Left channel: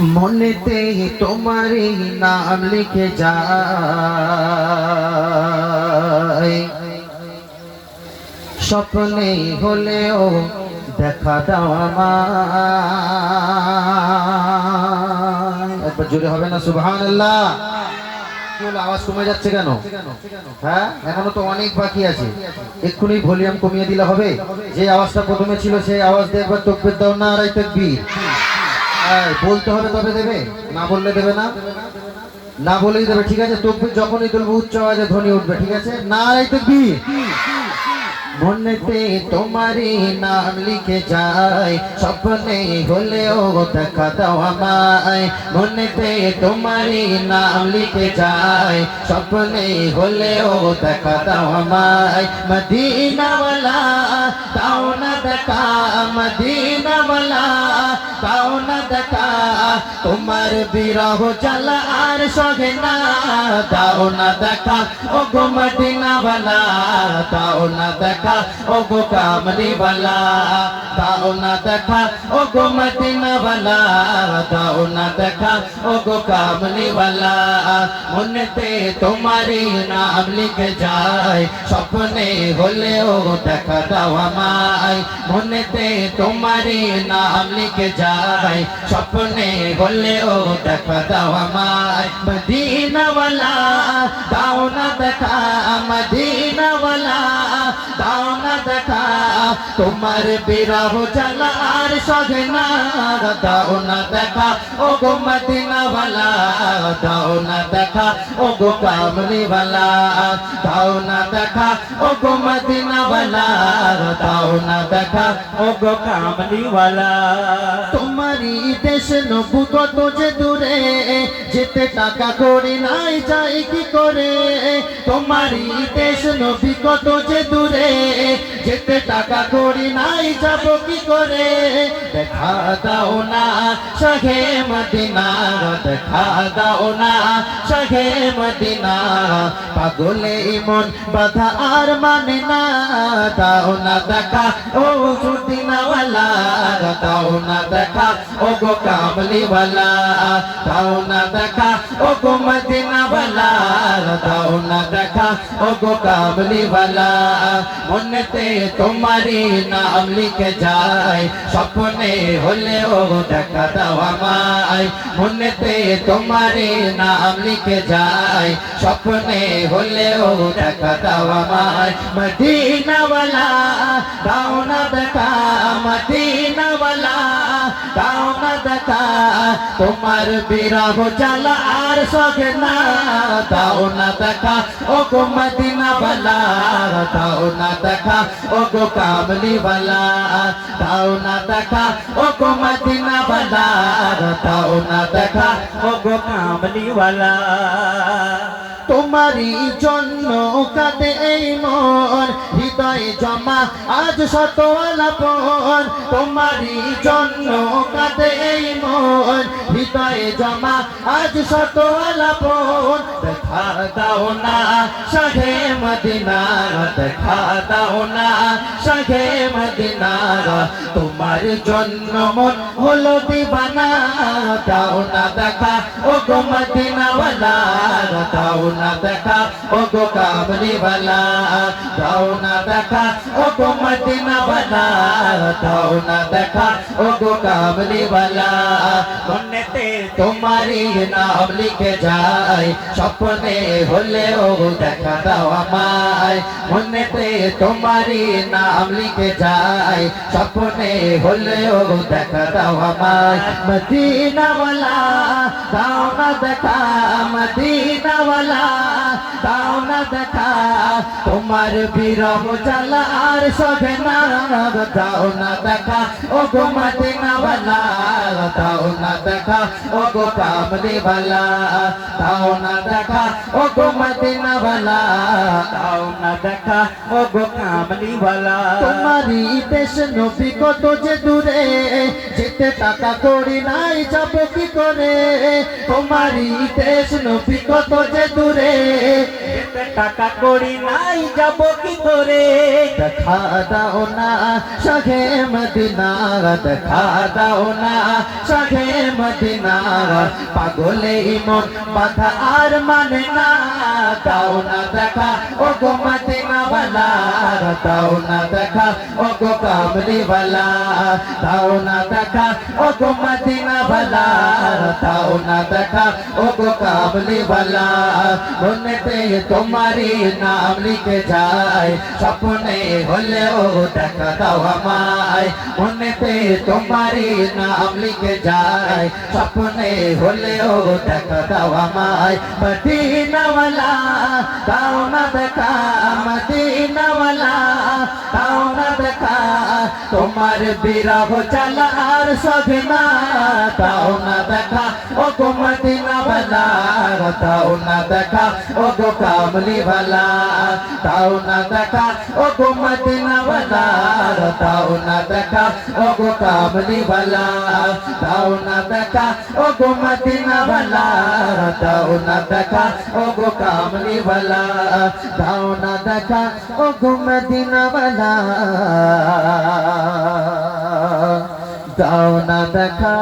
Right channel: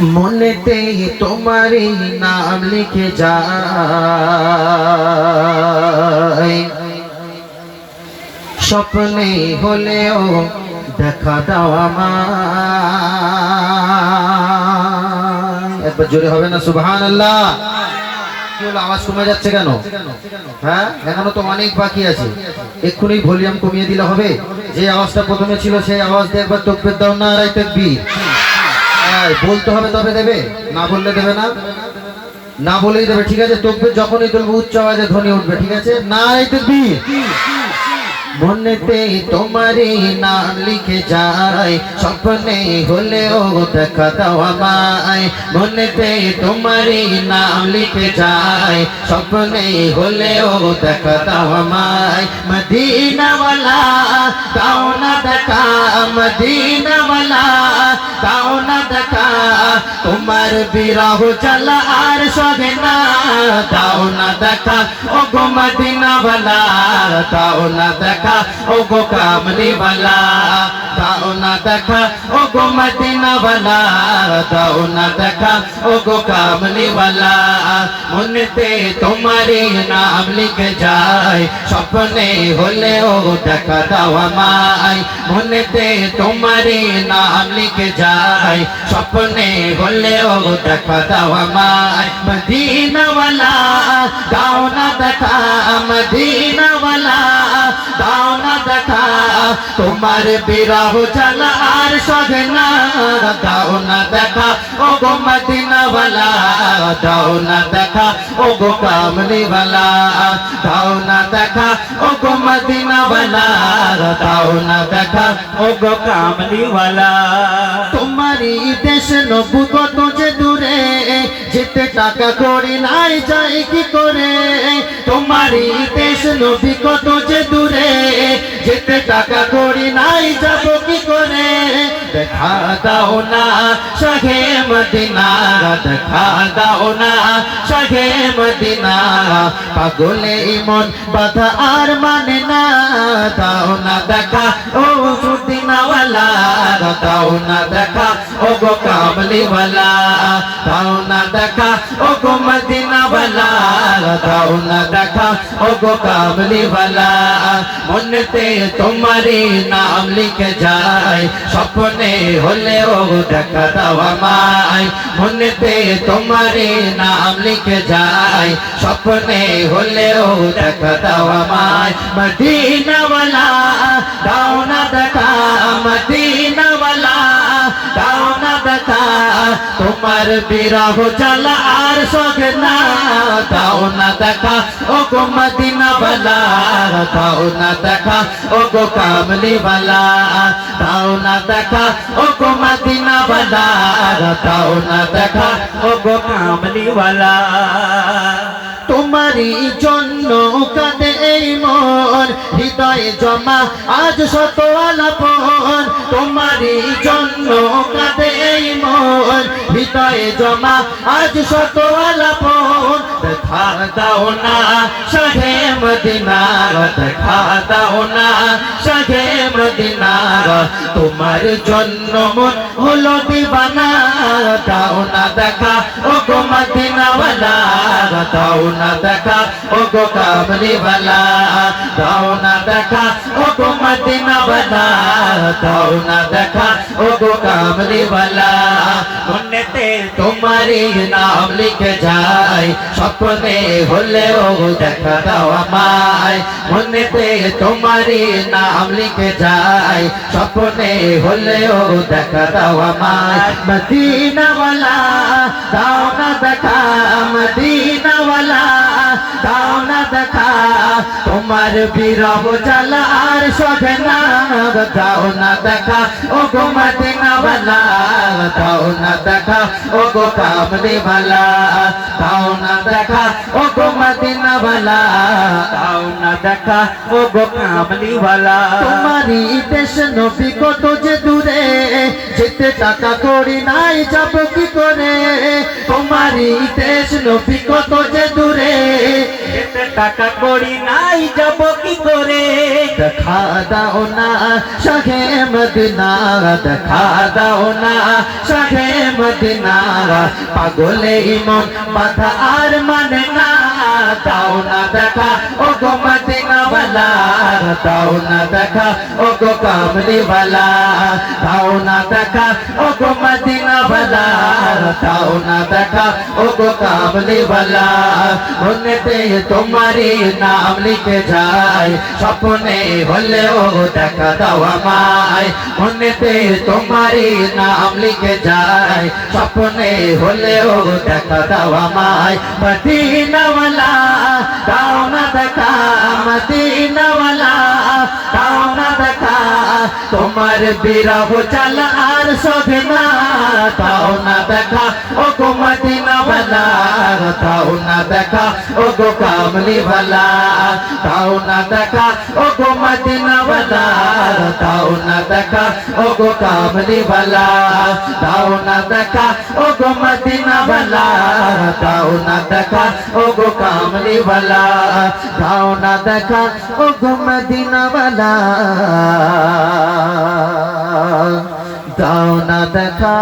মনেতে তোমারই নাম লিখে যায়। স্বপ্নে হলেও দেখা দাও আমার একবার জোরে হবে না সুবহান আল্লাহ কি আওয়াজ কমে যাচ্ছে কেন? হ্যাঁ এখনও তো অনেক বাকি আছে। এক্ষুনি ভলিউম কমিয়ে দিলে হবে। যে আওয়াজটা প্রথমে ছিল সেই আওয়াজ দিয়ে একবার তকবির দাও না রাই তকবির। বলতে হবে তবে দেবে। না বললে দেবে না। না বলেই দেবে, ঠিক আছে? তকবির যখনই তুলবে, উচ্চ আওয়াজে ধ্বনি উঠবে, ঠিক আছে? না রাই তকবির। মনেতে তোমারই নাম লিখে যায়, স্বপ্নে হলেও দেখা দাও আমায়। মনেতে তোমারই নাম লিখে যায়, স্বপ্নে হলেও দেখা দাও আমায়। মদিনাওয়ালা, দাও না দেখা, মদিনাওয়ালা, দাও না তোমার বিরহ জ্বালা আর সহে না দাও না দেখা ও গো মদিনাওয়ালা দাও না দেখা ও গো কামলিওয়ালা দাও না দেখা ও গো মদিনাওয়ালা দাও না দেখা ও গো কামলিওয়ালা মনেতে তোমারই নাম লিখে যায় স্বপ্নে হলেও দেখা দাও আমায় মনেতে তোমারই নাম লিখে যায় স্বপ্নে হলেও দেখা দাও আমায় মদিনাওয়ালা দাও না দেখা মদিনাওয়ালা দাও না দেখা তোমার বিরহ জ্বালা আর সগনা দাও না দেখা। ও গো মদিনাওয়ালা, দাও না দেখা। ও গো কামলিওয়ালা, দাও না দেখা। ও গো মদিনাওয়ালা, দাও না দেখা। ও গো কামলিওয়ালা, তোমারই দেশ নবুগত যে দূরে, যেতে টাকা করি নাই, যাই কি করে? তোমারই দেশ নবী কত যে দূরে যেতে টাকা করি নাই, যাব কি করে? দেখা দাও না, শাহে মদিনা, দেখা দাও না, শাহে মদিনা। পাগলে ইমন বাধা আর মানে না, দাও না দেখা, ও সুদিনাওয়ালা। দাও না দেখা, ও গো কামলিওয়ালা দাও না দেখা, ও গো মদিনাওয়ালা। দাও দেখা ও গো কামলিওয়ালা মনেতে তোমারি নাম লিখে যায় স্বপ্নে হলেও দেখা দাও আমায় মনেতে তোমারি নাম লিখে যায় স্বপ্নে হলেও দেখা দাও আমায় মদিনাওয়ালা দাও না দেখা মদিনাওয়ালা তোমার বিরহ জ্বালা আর সগে না দাও না দেখা ও গো মদিনা বালা দাও না দেখা ও গো কামলি বালা দাও না দেখা ও গো মদিনা বালা দাও না দেখা ও গো কামলি বালা তোমারই জন্য কাঁদে এই মন হৃদয়ে জমা, আজ শত আলাপন তোমারই জন্য কাঁদে এই মন, হৃদয়ে জমা, আজ শত আলাপন দেখা দাও না শাহে মদিনা দেখা দাও না শাহে মদিনা তোমার জন্য মন হলো দিবানা, দাও না দেখা ও গো মদিনাওয়ালা দাও না দেখা ও গো কামলিওয়ালা দাও না দেখা ও গো মদিনাওয়ালা দাও না দেখা ও গো কামলিওয়ালা মনেতে তোমারই নাম লিখে যায়, স্বপ্নে হলেও দেখা দাও আমায়। মনেতে তোমারই নাম লিখে যায়, স্বপ্নে হলেও দেখা দাও আমায়। মদিনাওয়ালা দাও না দেখা মদিনাওয়ালা দাও না দেখা তোমার বিরহ জ্বালা আর না দাও না দেখা ও গো মদিনাওয়ালা দাও না দেখা ও গো কামলিওয়ালা দাও না দেখা ও গো মদিনা মদিনাওয়ালা দাও না দেখা ও গো কামলিওয়ালা তোমারই দেশ নবী কত যে দূরে যেতে টাকা করি নাই যাব কি করে দেশ নবী কত যে দূরে। টাকা করি নাই, যাব কি করে? দেখা দাও না শাহে মদিনা, দেখা দাও না শাহে মদিনা। পাগলে বাধা আর মানে না, দাও না দেখা ও গো তাও না দেখা ও গো কামলিওয়ালা তাও না দেখা ও গো মদিনাওয়ালা তাও না দেখা ও গো কামলিওয়ালা মনেতে তোমারি নাম লিখে যায় স্বপ্নে হলেও দেখা দাও আমায় মনেতে তোমারি নাম লিখে যায় স্বপ্নে হলেও দেখা দাও আমায় মদিনাওয়ালা তাও না দেখা মদিনা আমার বিরহ চাল আর শোভে না তাও না দেখা ও গো মদিনা ভালা তাও না দেখা ও গো কামলি ভালা তাও না দেখা ও গো মদিনা ভালা তাও না দেখা ও গো কামলি ভালা তাও না দেখা ও গো মদিনা ভালা তাও না দেখা ও গো কামলি ভালা তাও না দেখা ও গো মদিনা ভালা দেখা